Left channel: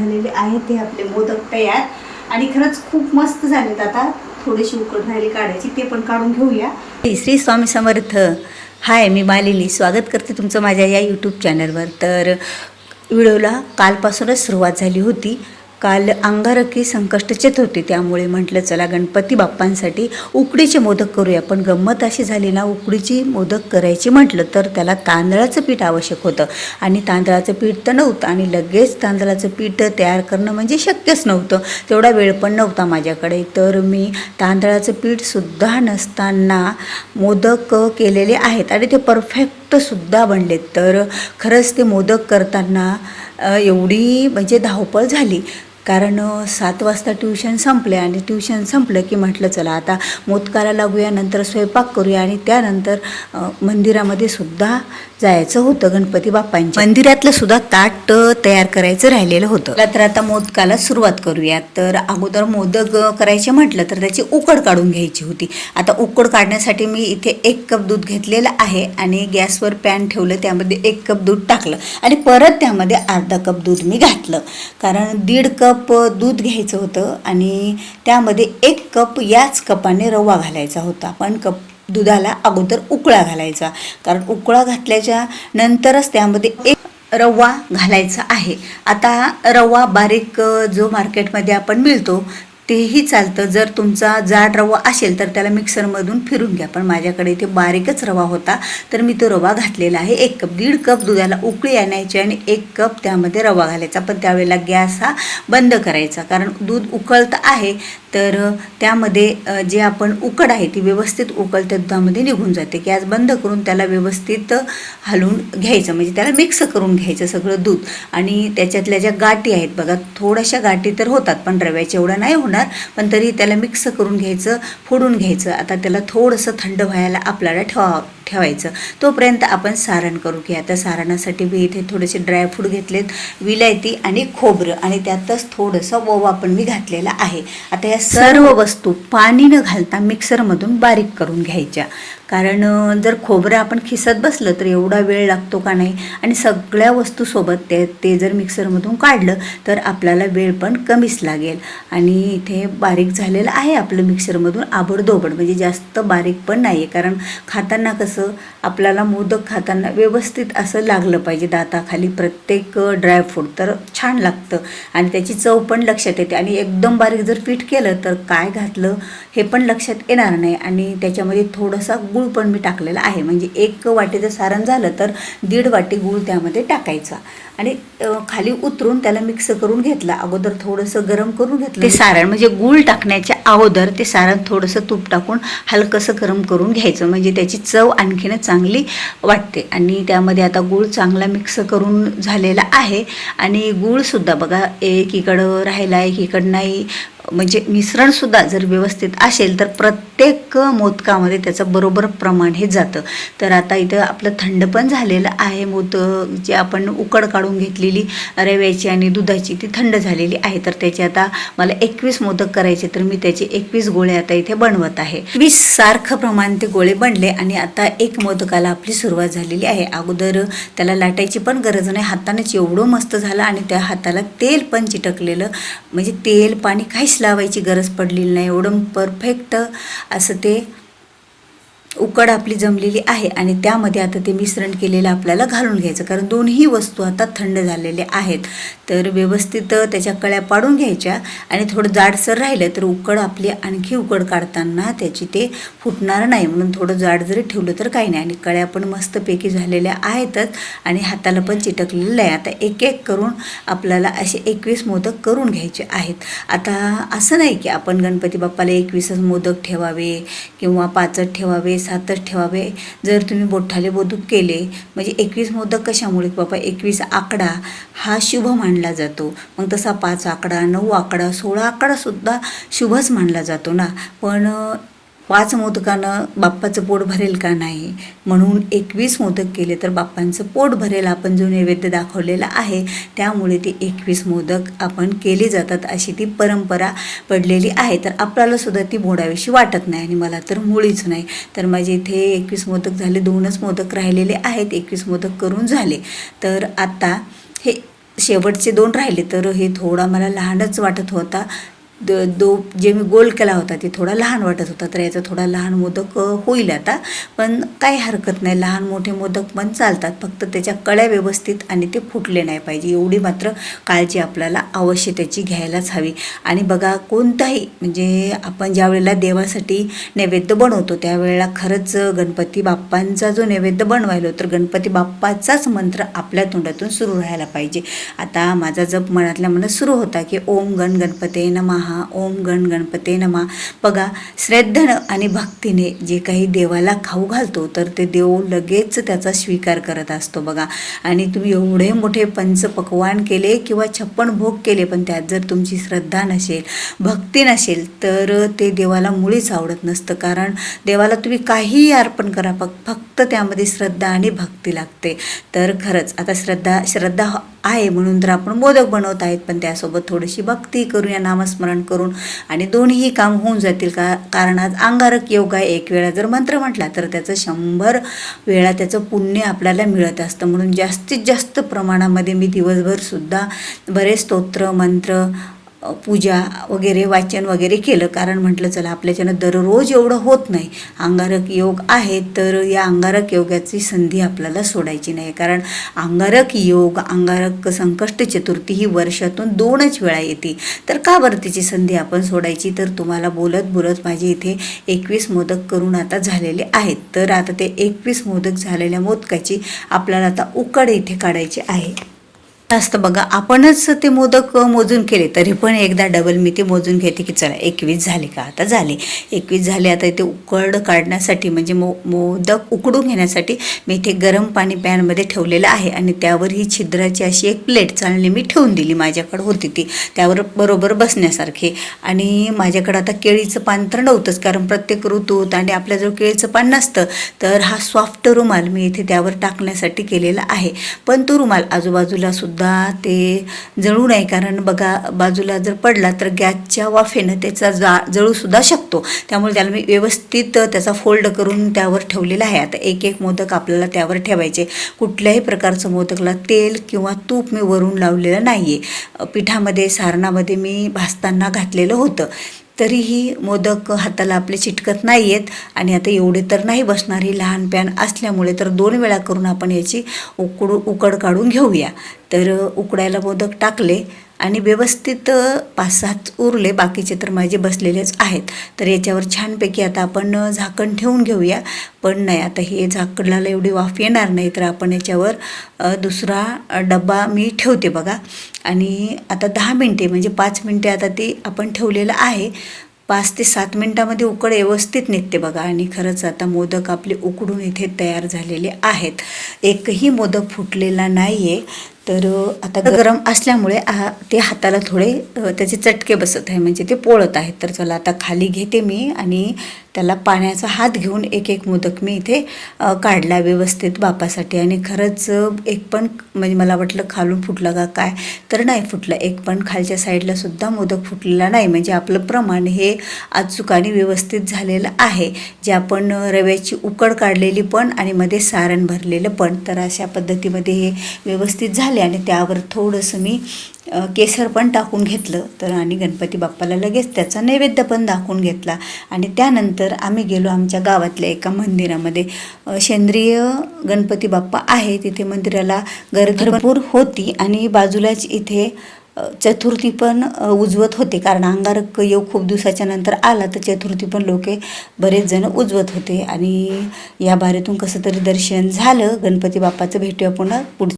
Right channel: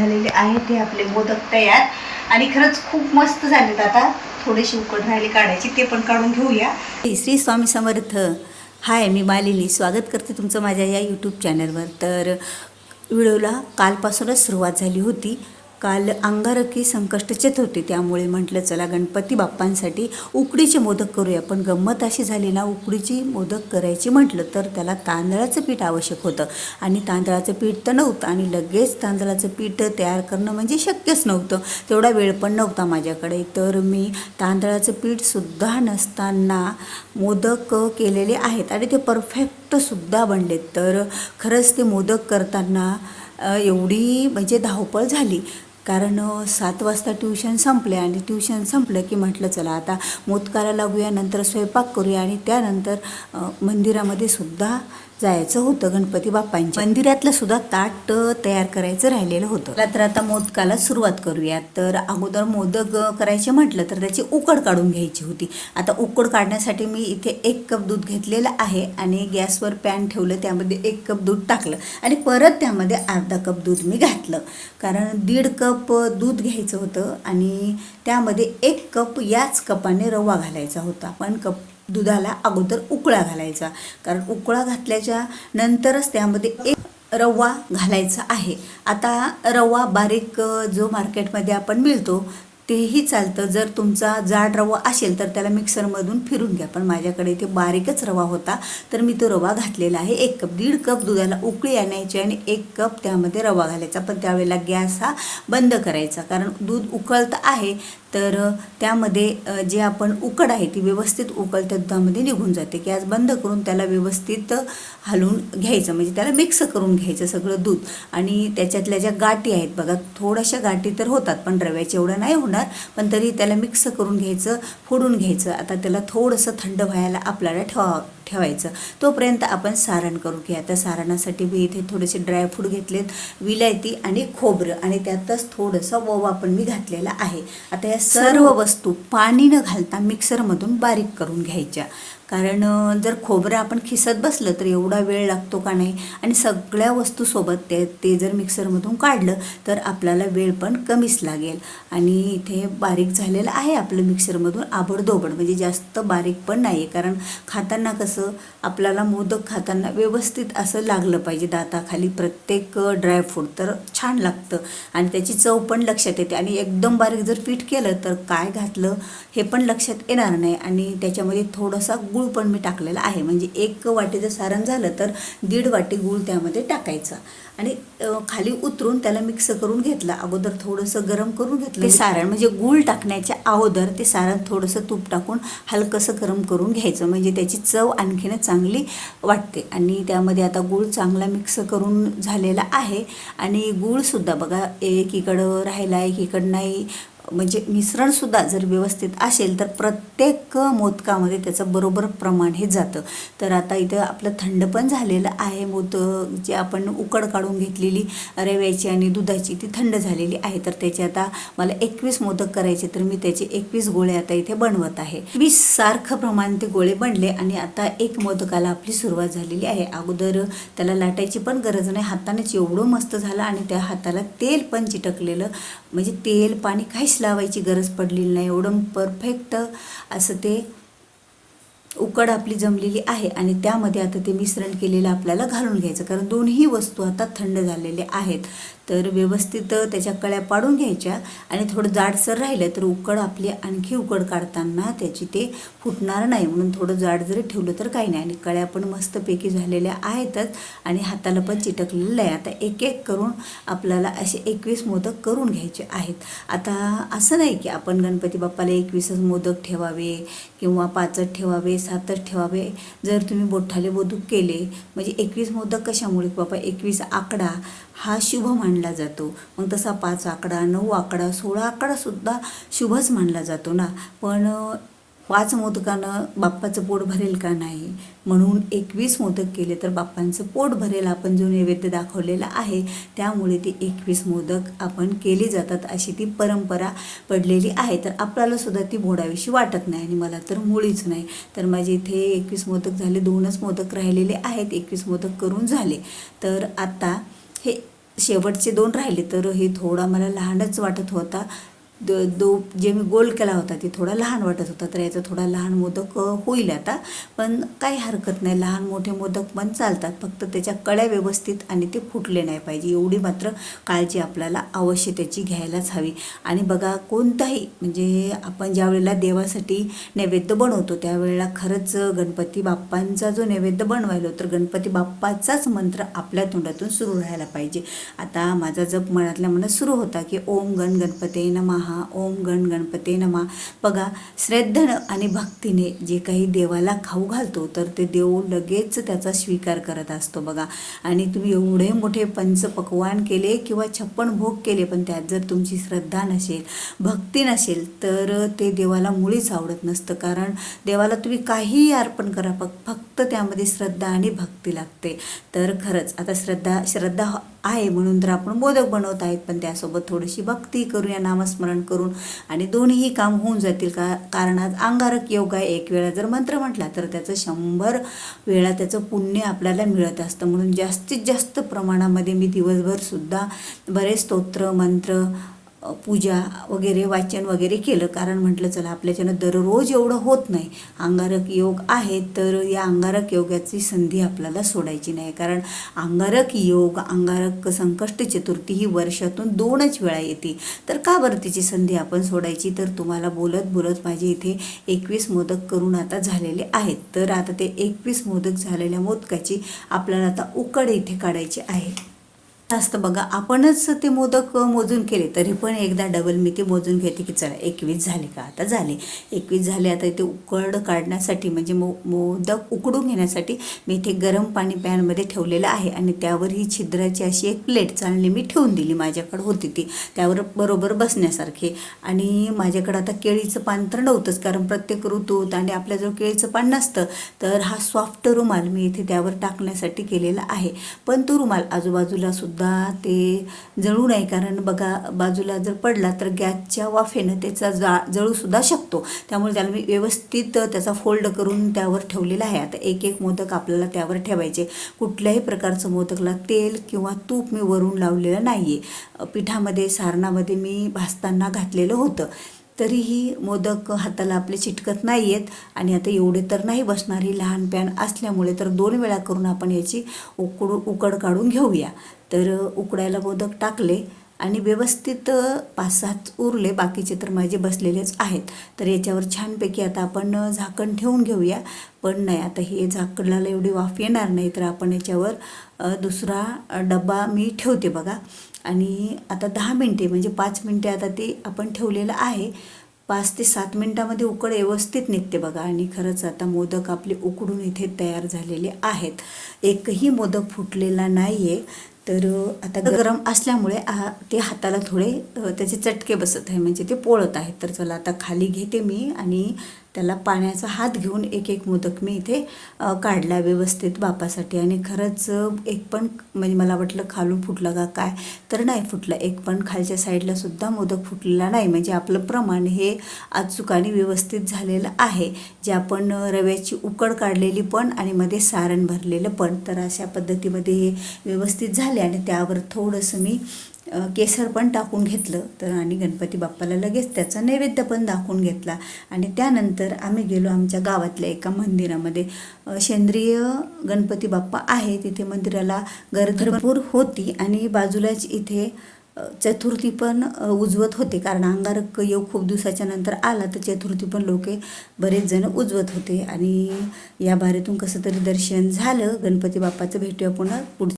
झालेले आहेत ते आपले मोदक तयार. आणि खरंच खूप मस्त झालेत आता. थोडीशी उकड राहिली काढायची ते पण काढून घेऊया. श्री स्वामी समर्थ. हाय मी मालिनी. स्वागत करते तुमचं माझ्या या यूट्यूब चॅनलवर तर व्हिडिओला कालपासूनच सुरुवात झाली होती. काल अंगारकी संकष्टचेत होते. त्यामुळे म्हटलं चला गणपती बाप्पांसाठी उकडीचे मोदक करूया. पण गंमत अशी झाली ना उकडीची मोदक करायची म्हटलं तर त्याला तांदळाचं पीठ आवश्यक होतं. आणि तांदळाचं पीठ तर नव्हतं आणि लगेच तांदळाचं पीठ तयार करणं म्हणजे शक्यच नव्हतं. तेवढा वेळ पण नव्हता माझ्याकडे. तर मी तांदळाचं पीठसुद्धा नसताना मोदक केलेले आहेत आणि ते परफेक्टसुद्धा बनलेत. तर खरंच ते मोदक करताना एवढी म्हणजे धावपळ झाली. कारण सात वाजता ट्युशन संपले आणि ट्युशन संपलं की म्हटलं चला आता मोदकाला लागूया नंतर स्वयंपाक करूया आणि त्यानंतर मंदिरामध्ये सुद्धा जायचं होतं गणपती बाप्पांच्या. मंदिरातलं सुद्धा ताट तयार करायचं राहिलेलं होतं. तर आता मोदकाला सुरुवात करूया तर अगोदर मोदक करायचे म्हटलं तर त्याची उकड काढून घ्यायची होती. आता उकड काढण्यासाठी मी इथे एक कप दूध घेतलेलं आहे आणि गॅसवर पॅन ठेवलं त्यामध्ये एक कप दूध टाकलं आणि परत त्यामध्ये अर्धा कप दूध मी घातलं. कारण दीड कप दूध घ्यायचं होतं आणि त्यामध्ये एक कप याच कपाने रवा घालायचा होता. पण कप दुधाला अगोदर उकळा घालायचा. कारण उकळा घातल्याच्या नंतरच त्यामध्ये एक रवा घालायचा आहे. आता रवा बारीक जो मार्केटमध्ये आपण मिळतो तेही चालतं. जर तुमचा जाड रवा असेल तर त्याला मिक्सरमधून फिरून घ्या. पण माझ्याकडे इथे बारीकच रवा होता तर मी तो रवा घातलेला आहे. एक कप दीड कप दुधाला उकळी आणायची आणि एक कप त्यामध्ये रवा घालायचा. पण त्यावेळेला गॅस हा बंद करायचा. कारण दूध उकळतं आहे तर त्यामध्ये जे आपण उकड आहे ती व्यवस्थित उकळत्या दुधामध्ये निघून जाते. गॅस बंद करून त्याला व्यवस्थित हलवून घ्यायचं. म्हणजे त्याला मिक्स करून घ्यायचं सगळं दूध. आणि त्याच्यातल्या ज्या गाठी आहेत बघा थोड्याशा गाठी तर होतात पण रव्याच्या एवढं नाही होणार. पण तरी त्याला मिक्स करून घ्यायचं फोडून घ्यायचं. आता त्याला थोडंसं थंड व्हायला आपल्याला ठेवावं ठेवायचं. तोपर्यंत आपण सारण करू घ्या आता सारणासाठी मी इथे थोडेसे ड्रायफ्रूट घेतलेत विलायती आणि खोबरं आणि त्यातच थोडंसं ओवा पण मी घातलेला आहे. आता या सर्व वस्तू पाणी न घालता मिक्सरमधून बारीक करून घ्यायच्या. कारण जर खोबरं आपण खिसत बसलं तर एवढा वेळ लागतो का नाही? आणि सगळ्या वस्तूसोबत ते ते जर मिक्सरमधून काढलं तर आपल्याला वेळ पण कमीच लागेल. आणि इथे बारीक झालेलं आहे आपलं मिक्सरमधून आबडधोबड म्हणजे जास्त बारीक पण नाही आहे कारण खाताना कसं आपल्याला मोदक खाताना व्यवस्थित असं लागलं पाहिजे दाताखाली प्रत्येक ड्रायफ्रूट तर छान लागतं. आणि त्याची चव पण लक्षात येते. आणि एकदम बारीक जर पीठ केलं तर काय घातलं हे पण लक्षात येणार नाही. आणि त्याच्यामध्ये थोडासा गूळ गूळ पण मी टाकलेला आहे. म्हणजे एक वाटीचं सारण झालं तर दीड वाटी गूळ त्यामध्ये टाकायचा. आणि खाली उतरून त्याला मिक्स करून घेतला. अगोदर थोडंसं गरम करून घेतलं. ते सारण म्हणजे गूळ टाकण्याच्या अगोदर ते सारण थोडंसं तूप टाकून हलकंसं गरम करून घ्यायचं. म्हणजे त्याची चव आणखीनच चांगली वाटते. आणि त्यामध्ये आता गूळ चांगला मिक्स करून झालेला आहे. आणि गूळसुद्धा बघा एकीकडं राहिला एकीकडं नाही. म्हणजे मिश्रणसुद्धा जर व्यवस्थित असेल तर प्रत्येक मोदकामध्ये त्याचं बरोबर प्रमाण हे जातं. तर आता इथं आपलं थंड पण झालेलं आहे मोदक जे आपण उकड काढून घेतलेली रव्याची आणि दुधाची ती थंड झालेली आहे. तर त्याचे आता मला एकवीस मोदक करायचे तर मी त्याचे एकवीस गोळे आता इथे बनवत आहे. वीस सारखं प्रमाण ते गोळे बनले आणि आता एक मोदकाला आपली सुरुवात झालेली आहे. अगोदर त्याला लाटायची पण गरज नाही हातानेच एवढं मस्त झालं आणि त्या हाताला तेल पण चिटकलेलं म्हणजे तेल पाणी काहीच लावायची गरज पडलेली नाही. एवढं परफेक्ट असं ते उकड आपली जमलेली आहे आणि त्यामध्ये आता ते मिश्रण केलेलं आपल्याला घालून घ्यायचं. कारण दोन्ही वस्तू आता थंड झालेल्या आहेत. तर व्यवस्थित त्याच्या कळ्या पाडून घ्यायच्या आणि थोडं जाडसर राहिलं तर उकड आपली आणखी उकड काढताना त्याची ते फुटणार नाही. म्हणून थोडं जाड जरी ठेवलं तर काही नाही. आणि कळ्या पण मस्तपैकी झालेल्या आहेतच आणि हाताला पण चिटकलेलं आहे आता एक एक करून आपल्याला असे एकवीस मोदक करून घ्यायचे आहेत. आता असं नाही की आपण गणपती बाप्पाला एकवीसच मोदक ठेवावे किंवा पाचट ठेवावे. सातच ठेवावे. जर तुम्ही बोठाले बोधूक केले म्हणजे एकवीस मोदक कशामुळे? बाबा एकवीस आकडा हा शुभ मानला जातो. मग तसा पाच आकडा नऊ आकडा सोळा आकडासुद्धा शुभच मानला जातो ना. पण पाच मोदकानं बाप्पाचं पोट भरेल का नाही? म्हणून एकवीस मोदक केले तर बाप्पांचं पोट भरेल आपण जो नैवेद्य दाखवलेला आहे त्यामुळे ते एकवीस मोदक आपण केले जातात अशी ती परंपरा पडलेली आहे. तर आपल्याला सुद्धा ती मोडावीशी वाटत नाही आणि मला तर मुळीच नाही. तर माझे इथे एकवीस मोदक झाले दोनच मोदक राहिलेले आहेत एकवीस मोदक करून झाले. तर आता हे शेवटचे दोन राहिले तर हे थोडा मला लहानच वाटत होता. द दो जे मी गोल केला होता ते थोडा लहान वाटत होता तर याचा थोडा लहान मोदक होईल आता. पण काही हरकत नाही लहान मोठे मोदक पण चालतात. फक्त त्याच्या कळ्या व्यवस्थित आणि ते फुटले नाही पाहिजे. एवढी मात्र काळजी आपल्याला अवश्य त्याची घ्यायलाच हवी. आणि बघा कोणताही म्हणजे आपण ज्या वेळेला देवासाठी नैवेद्य बनवतो त्यावेळेला खरंच गणपती बाप्पांचा जो नैवेद्य बनवायलो तर गणपती बाप्पाचाच मंत्र आपल्या तोंडातून सुरू राहायला पाहिजे. आता माझा जप मनातल्या मनात सुरू होता की ओम गण गणपते नमहा ओम गण गणपते नमा. बघा श्रद्धेनं आणि भक्तीने जे काही देवाला खाऊ घालतो तर ते देव लगेच त्याचा स्वीकार करत असतो बघा. आणि तुम्ही एवढे मोठे पंच पकवान केले किंवा छप्पन भोग केले पण त्यात जर तुमची श्रद्धा नसेल भक्ती नसेल तर ते देवाला मुळीच आवडत नसतं. कारण देवाला तुम्ही काहीही अर्पण करा फक्त त्यामध्ये श्रद्धा आणि भक्ती लागते. तर खरंच आता श्रद्धा श्रद्धा आहे म्हणून तर आपण मोदक बनवत आहेत पण त्यासोबत थोडीशी भक्ती करूया नामस्मरण करून. आणि दोन्हीही काम होऊन जातील का कारण आज अंगारक योग आहे. एक वेळा जर मंत्र म्हटला तर त्याचं शंभर वेळा त्याचं पुण्य आपल्याला मिळत असतं. म्हणून जास्तीत जास्त प्रमाणामध्ये मी दिवसभर सुद्धा बरेच स्तोत्र मंत्र पूजा वगैरे वाचन वगैरे केलं. कारण म्हटलं चला आपल्याच्यानं दररोज एवढं होत नाही. अंगारक योग आहे तर या अंगारक योगाची संधी आपल्याला सोडायची नाही. कारण अंगारक योग अंगारक संकष्ट चतुर्थी ही वर्षातून दोनच वेळा येते. तर का बरं तिची संधी आपण सोडायची? तर तुम्हाला बोलत बोलत माझे इथे एकवीस मोदक करून आता झालेले आहेत. तर आता ते एकवीस मोदक झालेल्या मोदकाची आपल्याला आता उकड इथे काढायची आहे. असतं बघा आपणच ते मोदक मोजून केले तरी पण एकदा डबल मी ते मोजून घेते की चला एकवीस झाले का? आता झाले. एकवीस झाले आता इथे उकड काढण्यासाठी म्हणजे मो मोदक उकडून घेण्यासाठी मी इथे गरम पाणी पॅनमध्ये ठेवलेलं आहे आणि त्यावर ही छिद्राची अशी एक प्लेट चालली मी ठेवून दिली. माझ्याकडं होती ती. त्यावर बरोबर बसण्यासारखी. आणि माझ्याकडं आता केळीचं पान तर नव्हतंच कारण प्रत्येक ऋतूत आणि आपल्याजवळ केळीचं पान नसतं तर हा सॉफ्ट रुमाल मी इथे त्यावर टाकण्यासाठी केलेला आहे. पण तो रुमाल आजूबाजूला सुद्धा ते जळू नये. कारण बघा बाजूला जर पडला तर गॅसच्या वाफेनं त्याचा जा जळूसुद्धा शकतो. त्यामुळे त्याला मी व्यवस्थित त्याचा फोल्ड करून त्यावर ठेवलेला आहे. आता एक एक मोदक आपल्याला त्यावर ठेवायचे. कुठल्याही प्रकारचं मोदकला तेल किंवा तूप मी वरून लावलेलं नाही आहे पिठामध्ये सारणामध्ये मी भाजताना घातलेलं होतं. तरीही मोदक हाताला आपले चिटकत नाही आहेत आणि आता एवढे तर नाही बसणार ही लहान पॅन असल्यामुळे तर दोन वेळा करून आपण याची उकडू उकड काढून घेऊया. तर उकडायला मोदक टाकले. आणि व्यवस्थित पाच सात उरले. बाकीचे तर माझे बसलेलेच आहेत. तर याच्यावर छानपैकी आता आपण झाकण ठेवून घेऊया. पण नाही आता हे झाकणाला एवढी वाफ येणार नाही. तर आपण याच्यावर दुसरा डबा डब्बा मी ठेवते बघा. आणि आता दहा मिनटे म्हणजे पाच मिनटे आता ते आपण ठेवलेलं आहे. पाच ते सात मिनटामध्ये उकड व्यवस्थित निघते बघा. आणि खरंच आता मोदक आपले उकडून इथे तयार झालेले आहेत. एकही मोदक फुटलेला नाही आहे तर आता गरम असल्यामुळे ते हाताला थोडे त्याचे चटके बसत आहे. म्हणजे ते पोळत आहेत. तर चला आता खाली घेते मी आणि त्याला पाण्याचा हात घेऊन एक एक मोदक मी इथे काढला व्यवस्थित बापासाठी. आणि खरंच एक पण म्हणजे मला वाटलं खालून फुटलं का काय तर नाही फुटलं. एक पण खालच्या साईडला सुद्धा मोदक फुटलेला नाही. म्हणजे आपलं प्रमाण हे अचूकाने व्यवस्थित झालेलं आहे. जे आपण रव्याची उकड काढलेली पण आणि मध्ये सारण भरलेलं पण. तर अशा पद्धतीमध्ये हे व्यवस्थित झाले आणि त्यावर थोडंसं मी केसर पण टाकून घेतलं. तर आणि गणपती बाप्पाला लगेच त्याचा नैवेद्य पण दाखवून घेतला. आणि त्यानंतर आम्ही गेलो आमच्या गावातल्या एका मंदिरामध्ये. सेंद्रिय गणपती बाप्पा आहे. तिथे मंदिराला गर्दी भरपूर होती. आणि बाजूलाच इथे चतुर्थी पण उजवत होते. कारण अंगारक योग खूप दिवसाच्या नंतर आला तर चतुर्थी पण लोके बरेच जण उजवत होते. आणि या बारीतून कसं तरी दर्शन झालं. गणपती बाप्पाचं भेटूया पुन्हा पुढ